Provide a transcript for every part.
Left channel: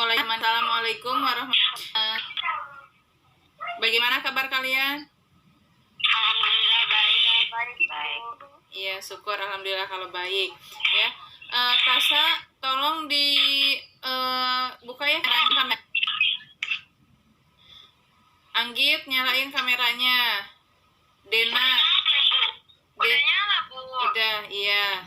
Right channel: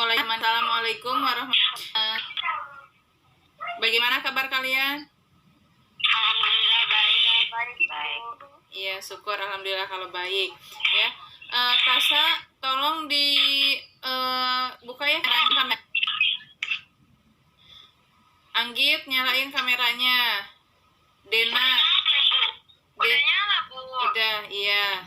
Assalamualaikum warahmatullahi wabarakatuh. Bagaimana kabar kalian? Alhamdulillah baik. Iya, syukur alhamdulillah kalau baik. Ya, Tasa, tolong buka ya kamera. Anggit, nyalain kameranya. Dena, Udah nyala, Bu. udah, iya.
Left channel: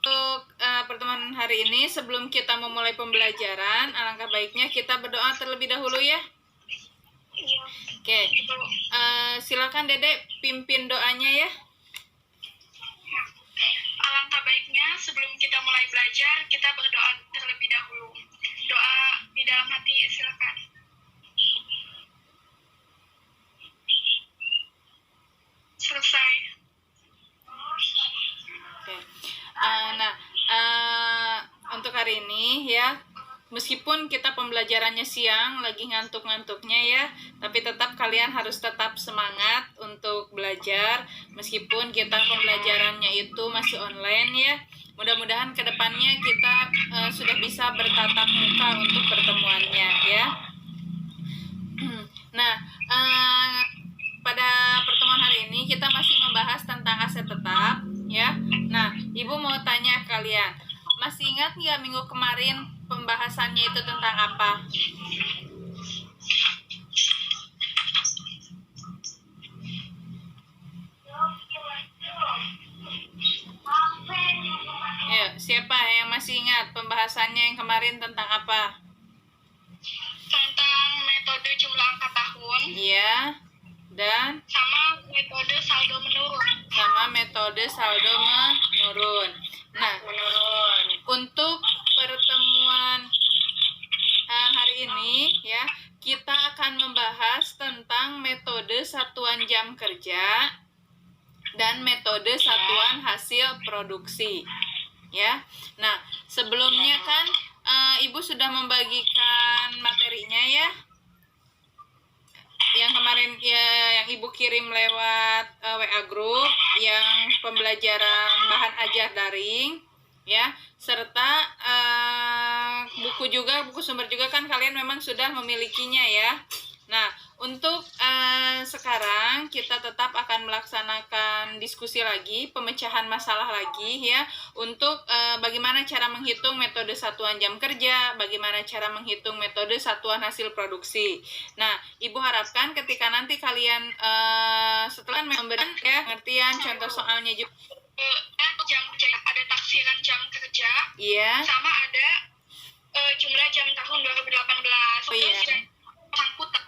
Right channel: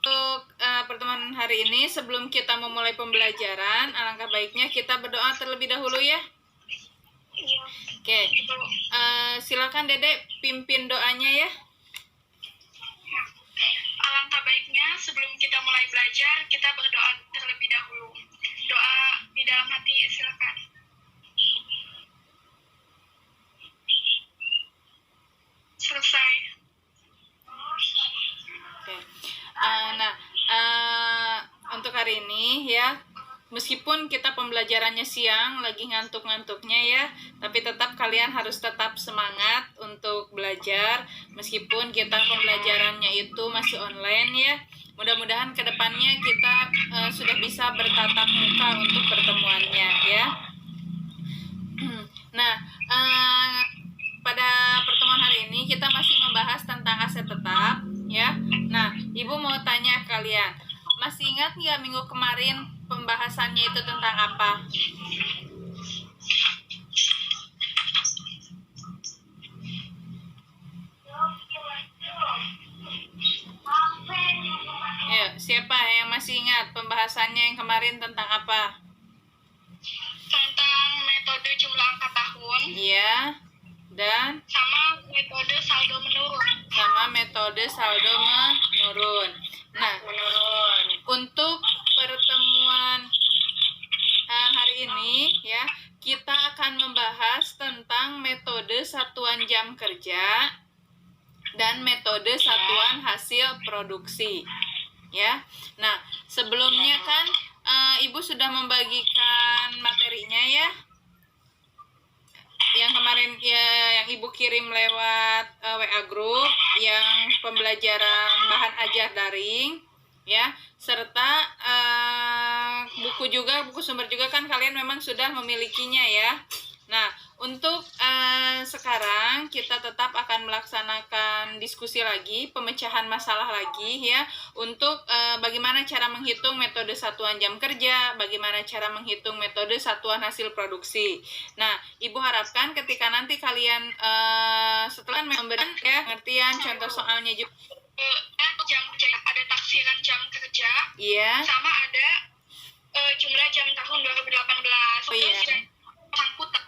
Untuk pertemuan hari ini, sebelum kita memulai pembelajaran, alangkah baiknya kita berdoa terlebih dahulu ya. Iya. Oke. Silakan Dedek pimpin doanya ya. Alangkah baiknya sebelum kita mulai belajar, kita berdoa terlebih dahulu. Doa di dalam hati, silakan. Selesai. Oke. Untuk hari ini ya, meskipun kita pembelajarannya siang, lagi ngantuk-ngantuknya ya, tapi tetap kalian harus tetap semangat untuk belajar, meskipun kita pembelajarannya itu masih online ya. Mudah-mudahan kedepannya kita sudah bisa bertatap muka untuk pertemuannya ya. Nah, pada pertemuan hari ini kita masih membahas tentang aset tetap ya. Nah, Ibu mau tanya kalian, masih ingat nggak minggu kemarin pembahasannya itu tentang apa? Ya, siapa yang masih ingat pembahasannya yang kemarin tentang apa? Tentang metode jumlah angka tahun. Iya. Dan sama metode saldo menurun. Nah, untuk pertemuan hari ini ya, kita akan membahas tentang metode satuan jam kerja dan metode satuan hasil produksi ya. Nah, sebelumnya kan Ibu sudah membagikan materinya ya, yang kemarin ya, yang Ibu kirim lewat WA group, yang pembelajaran bahan ajar daring ya, serta buku sumber juga kan kalian memang sudah memilikinya ya. Nah, untuk sekarang kita tetap akan melaksanakan diskusi lagi, pemecahan masalah lagi ya, untuk bagaimana cara menghitung metode satuan jam kerja, bagaimana cara menghitung metode satuan hasil produksi. Nah, Ibu harapkan ketika nanti kalian setelah memberikan ya pengertian contoh soalnya juga. Jam kerja, ada taksiran jam kerja. Iya. Sama ada jumlah jam tahun 2018. Oh iya. Sangkutan.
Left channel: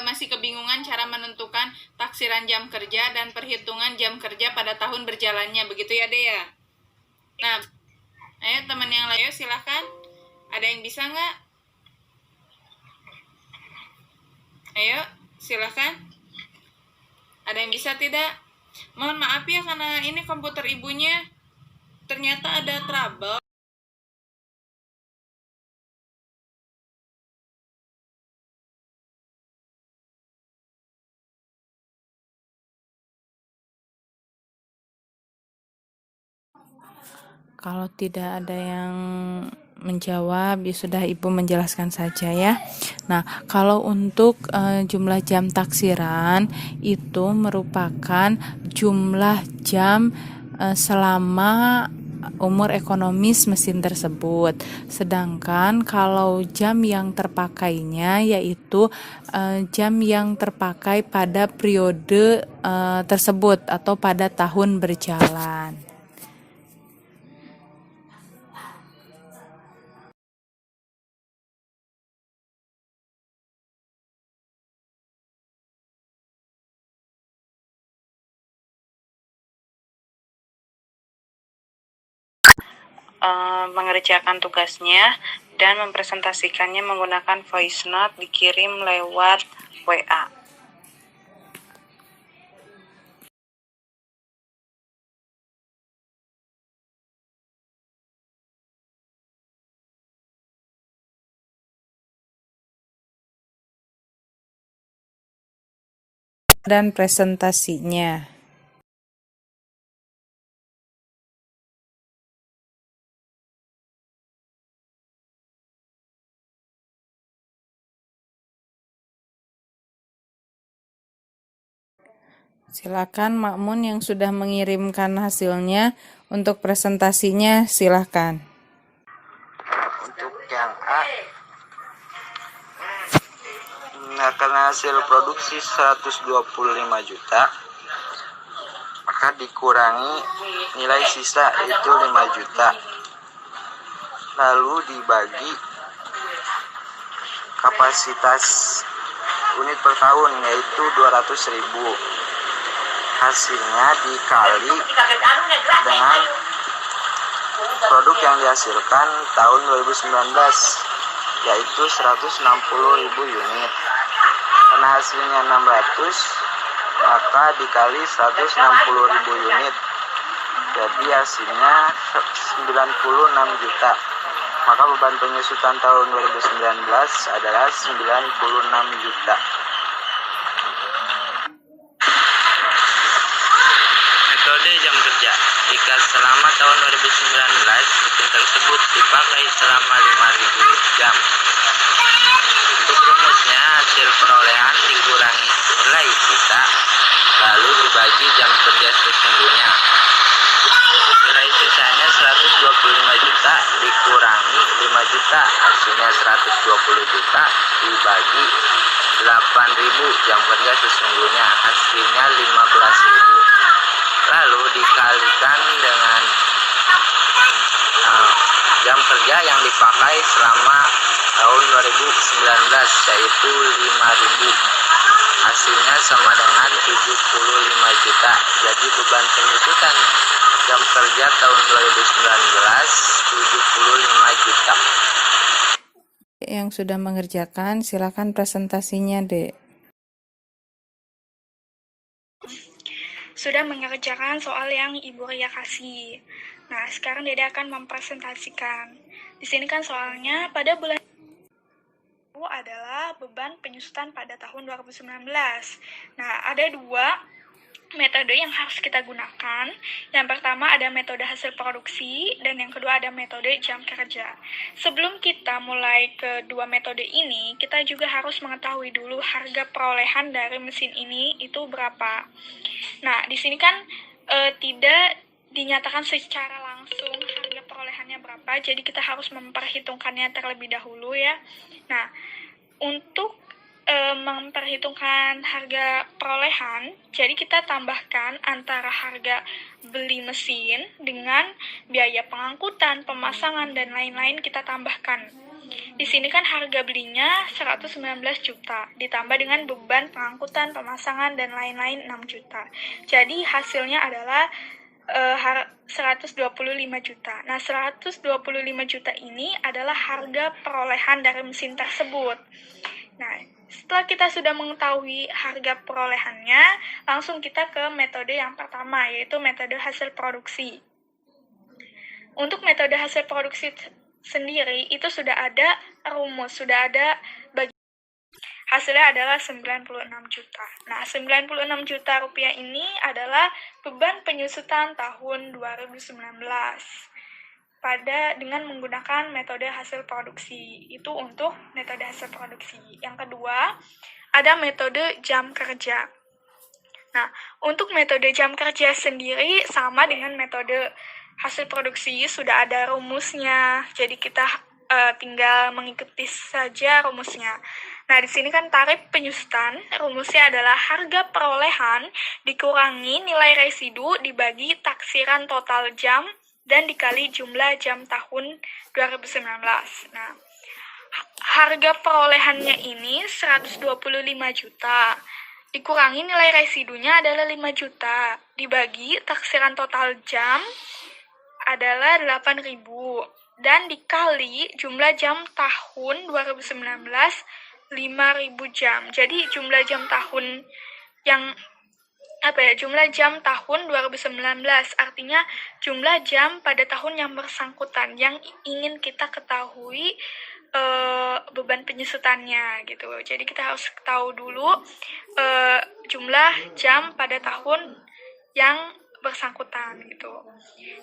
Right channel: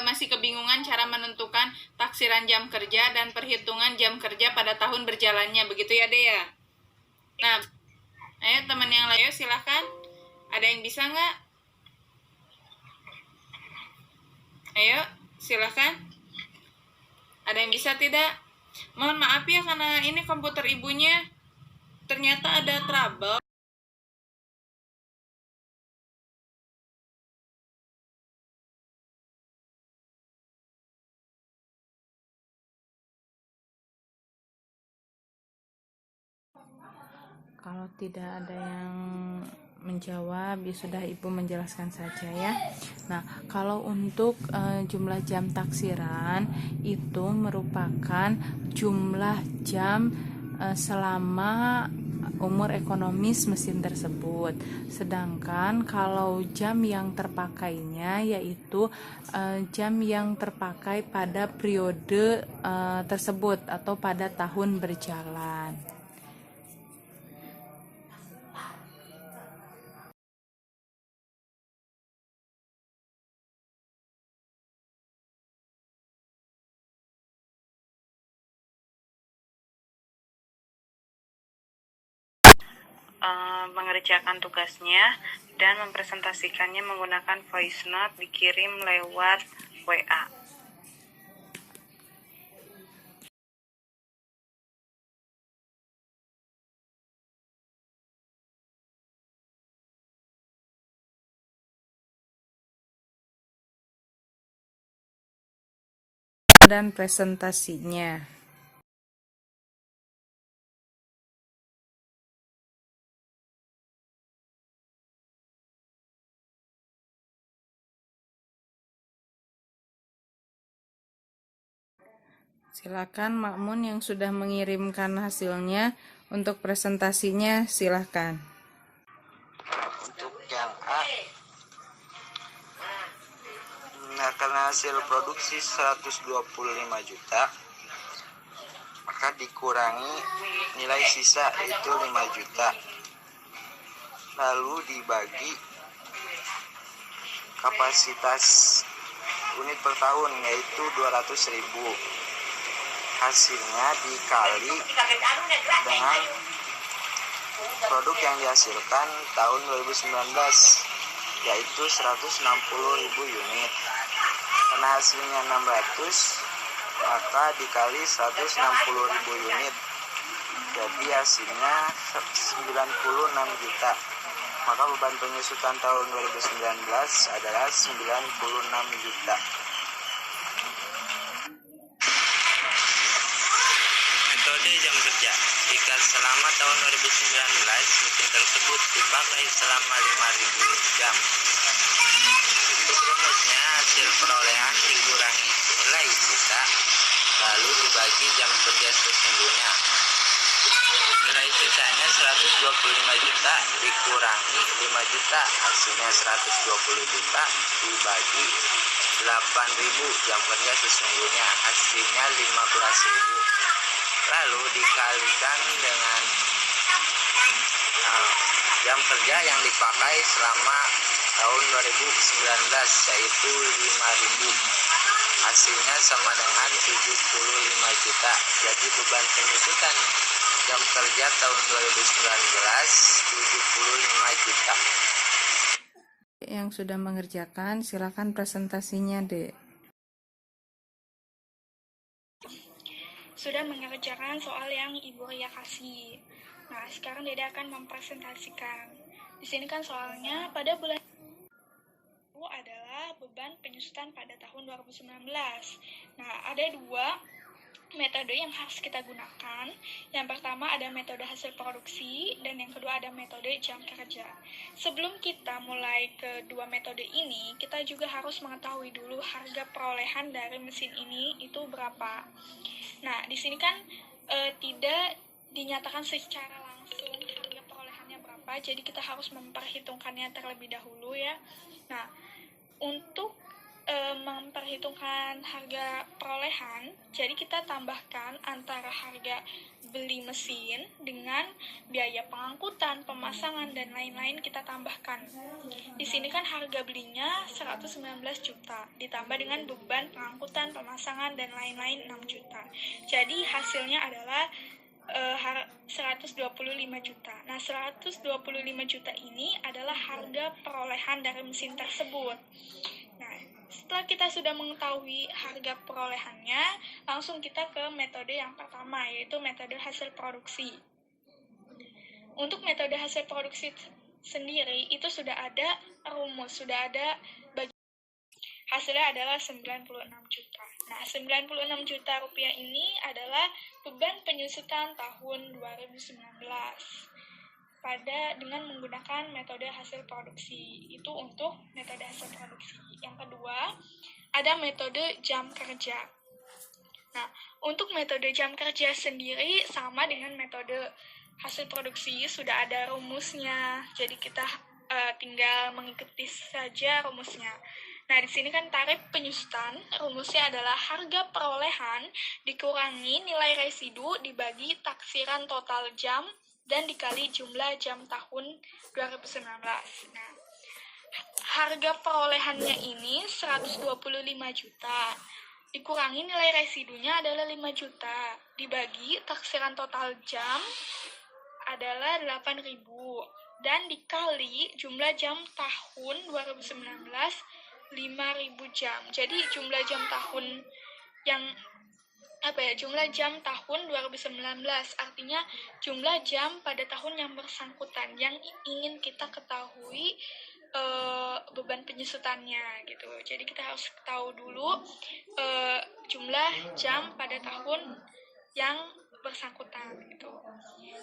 Masih kebingungan cara menentukan taksiran jam kerja dan perhitungan jam kerja pada tahun berjalannya, begitu ya Dea? Nah, ayo teman yang lain silahkan. Ada yang bisa nggak? Ayo, silahkan. Ada yang bisa tidak? Mohon maaf ya karena ini komputer ibunya ternyata ada trouble. Kalau tidak ada yang menjawab, ya sudah Ibu menjelaskan saja ya. Nah, kalau untuk jumlah jam taksiran itu merupakan jumlah jam selama umur ekonomis mesin tersebut. Sedangkan kalau jam yang terpakainya yaitu jam yang terpakai pada periode tersebut atau pada tahun berjalan. Mengerjakan tugasnya dan mempresentasikannya menggunakan voice note dikirim lewat WA. Dan presentasinya. Silakan Makmun yang sudah mengirimkan hasilnya untuk presentasinya, silakan. Untuk yang A, nah karena hasil produksi 125 juta, maka dikurangi nilai sisa itu 5 juta. Lalu dibagi kapasitas unit per tahun yaitu 200.000. Hasilnya dikali dengan produk yang dihasilkan tahun 2019 yaitu 160.000 unit. Karena hasilnya 600, maka dikali 160.000 unit. Jadi hasilnya 96 juta. Maka beban penyusutan tahun 2019 adalah 96 juta. Metode jam kerja. Jika selama tahun 2019 mesin tersebut dipakai selama 5.000 jam. Untuk rumusnya, hasil perolehan dikurangi nilai sisa, lalu dibagi jam kerja sesungguhnya. Nilai sisanya 125 juta dikurangi 5 juta, hasilnya 120 juta dibagi 8.000 jam kerja sesungguhnya, hasilnya 15.000. Lalu dikalikan dengan jam kerja yang dipakai selama tahun 2019 yaitu 5.000. Hasilnya sama dengan 75 juta. Jadi beban penyusutan jam kerja tahun 2019 75 juta. Yang sudah mengerjakan, silakan presentasinya, Dek. Sudah mengerjakan soal yang Ibu Ria kasih. Nah, sekarang Dede akan mempresentasikan. Di sini kan soalnya pada bulan itu adalah beban penyusutan pada tahun 2019. Nah, ada dua metode yang harus kita gunakan. Yang pertama ada metode hasil produksi dan yang kedua ada metode jam kerja. Sebelum kita mulai kedua metode ini, kita juga harus mengetahui dulu harga perolehan dari mesin ini itu berapa. Nah, di sini kan tidak dinyatakan secara langsung harga perolehannya berapa, jadi kita harus memperhitungkannya terlebih dahulu ya. Nah, untuk memperhitungkan harga perolehan, jadi kita tambahkan antara harga beli mesin dengan biaya pengangkutan, pemasangan, dan lain-lain kita tambahkan. Di sini kan harga belinya 119 juta, ditambah dengan beban pengangkutan, pemasangan, dan lain-lain 6 juta. Jadi hasilnya adalah 125 juta. Nah, 125 juta ini adalah harga perolehan dari mesin tersebut. Nah, setelah kita sudah mengetahui harga perolehannya, langsung kita ke metode yang pertama, yaitu metode hasil produksi. Untuk metode hasil produksi sendiri, itu sudah ada rumus, sudah ada hasilnya adalah 96 juta. Nah, 96 juta rupiah ini adalah beban penyusutan tahun 2019 dengan menggunakan metode hasil produksi. Itu untuk metode hasil produksi. Yang kedua, ada metode jam kerja. Nah, untuk metode jam kerja sendiri sama dengan metode hasil produksi, sudah ada rumusnya. Jadi kita tinggal mengikuti saja rumusnya. Nah, di sini kan tarif penyusutan, rumusnya adalah harga perolehan dikurangi nilai residu dibagi taksiran total jam dan dikali jumlah jam tahun 2019. Nah, harga perolehannya ini 125 juta. Dikurangi nilai residunya adalah 5 juta. Dibagi taksiran total jam adalah 8.000. Dan dikali jumlah jam tahun 2019 5.000 jam. Jadi jumlah jam tahun yang jumlah jam tahun 2019, artinya jumlah jam pada tahun yang bersangkutan yang ingin kita ketahui beban penyusutannya gitu. Jadi kita harus tahu dulu jumlah jam pada tahun yang bersangkutan gitu.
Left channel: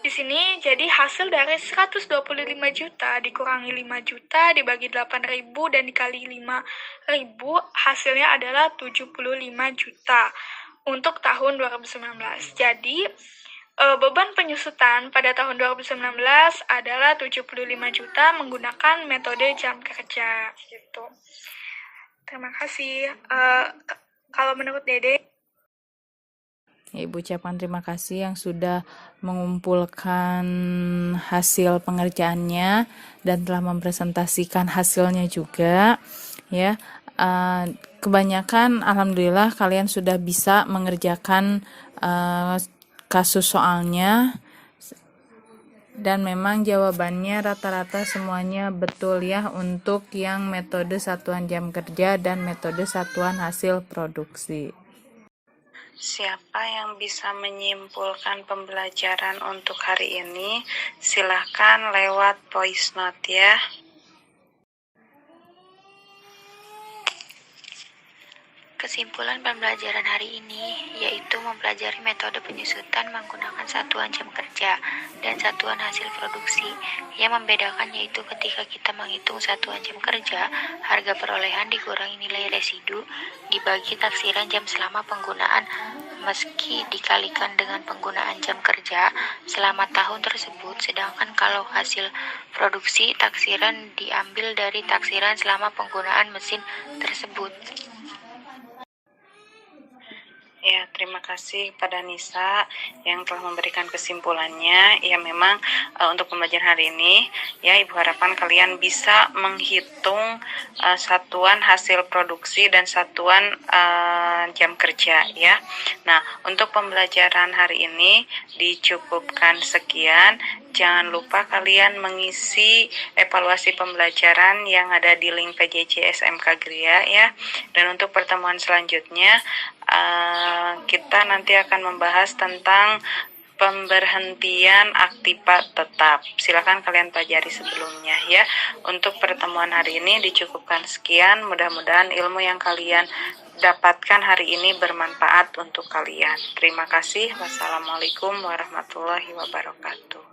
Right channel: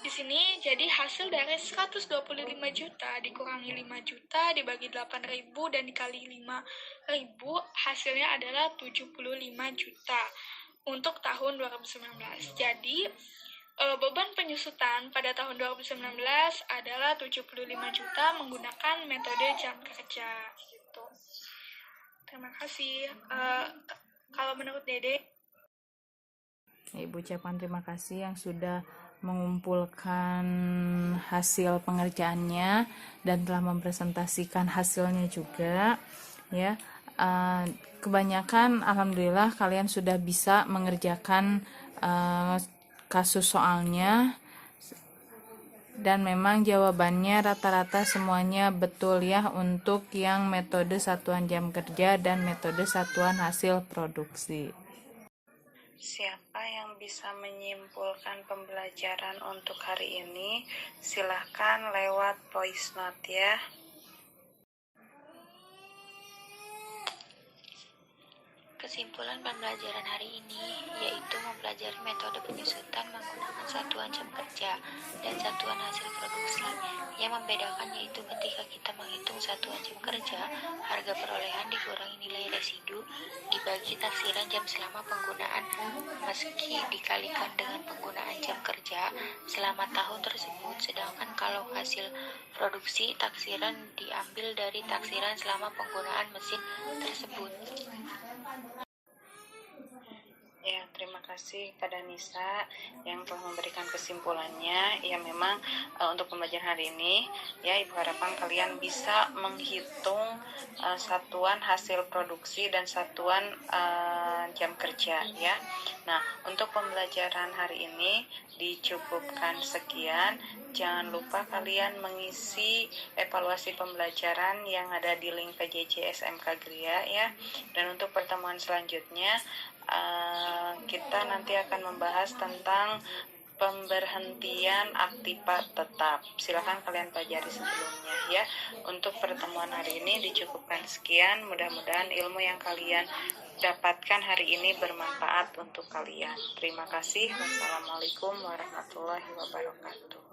Di sini jadi hasil dari 125 juta dikurangi 5 juta dibagi 8.000 dan dikali 5.000, hasilnya adalah 75 juta. untuk tahun 2019. Jadi, beban penyusutan pada tahun 2019 adalah 75 juta menggunakan metode jam kerja gitu. Terima kasih. Kalau menurut Dede, Ibu ucapkan terima kasih yang sudah mengumpulkan hasil pengerjaannya dan telah mempresentasikan hasilnya juga ya. Kebanyakan alhamdulillah kalian sudah bisa mengerjakan kasus soalnya dan memang jawabannya rata-rata semuanya betul ya untuk yang metode satuan jam kerja dan metode satuan hasil produksi. Siapa yang bisa menyimpulkan pembelajaran untuk hari ini? Silahkan lewat voice note ya. Kesimpulan pembelajaran hari ini yaitu mempelajari metode penyusutan menggunakan satuan jam kerja dan satuan hasil produksi. Yang membedakan yaitu ketika kita menghitung satuan jam kerja, harga perolehan dikurangi nilai residu dibagi taksiran jam selama penggunaan meski dikalikan dengan penggunaan jam kerja selama tahun tersebut, sedangkan kalau hasil produksi taksiran diambil dari taksiran selama penggunaan mesin tersebut. Ya, terima kasih pada Nisa yang telah memberikan kesimpulannya. Ya, memang untuk pembelajaran hari ini, ya Ibu harapkan kalian bisa menghitung satuan hasil produksi dan satuan jam kerja, ya. Nah, untuk pembelajaran hari ini dicukupkan sekian. Jangan lupa kalian mengisi evaluasi pembelajaran yang ada di link PJJ SMK Gria, ya. Dan untuk pertemuan selanjutnya, kita nanti akan membahas tentang pemberhentian aktiva tetap. Silakan kalian pelajari sebelumnya ya. Untuk pertemuan hari ini dicukupkan sekian. Mudah-mudahan ilmu yang kalian dapatkan hari ini bermanfaat untuk kalian. Terima kasih. Wassalamualaikum warahmatullahi wabarakatuh.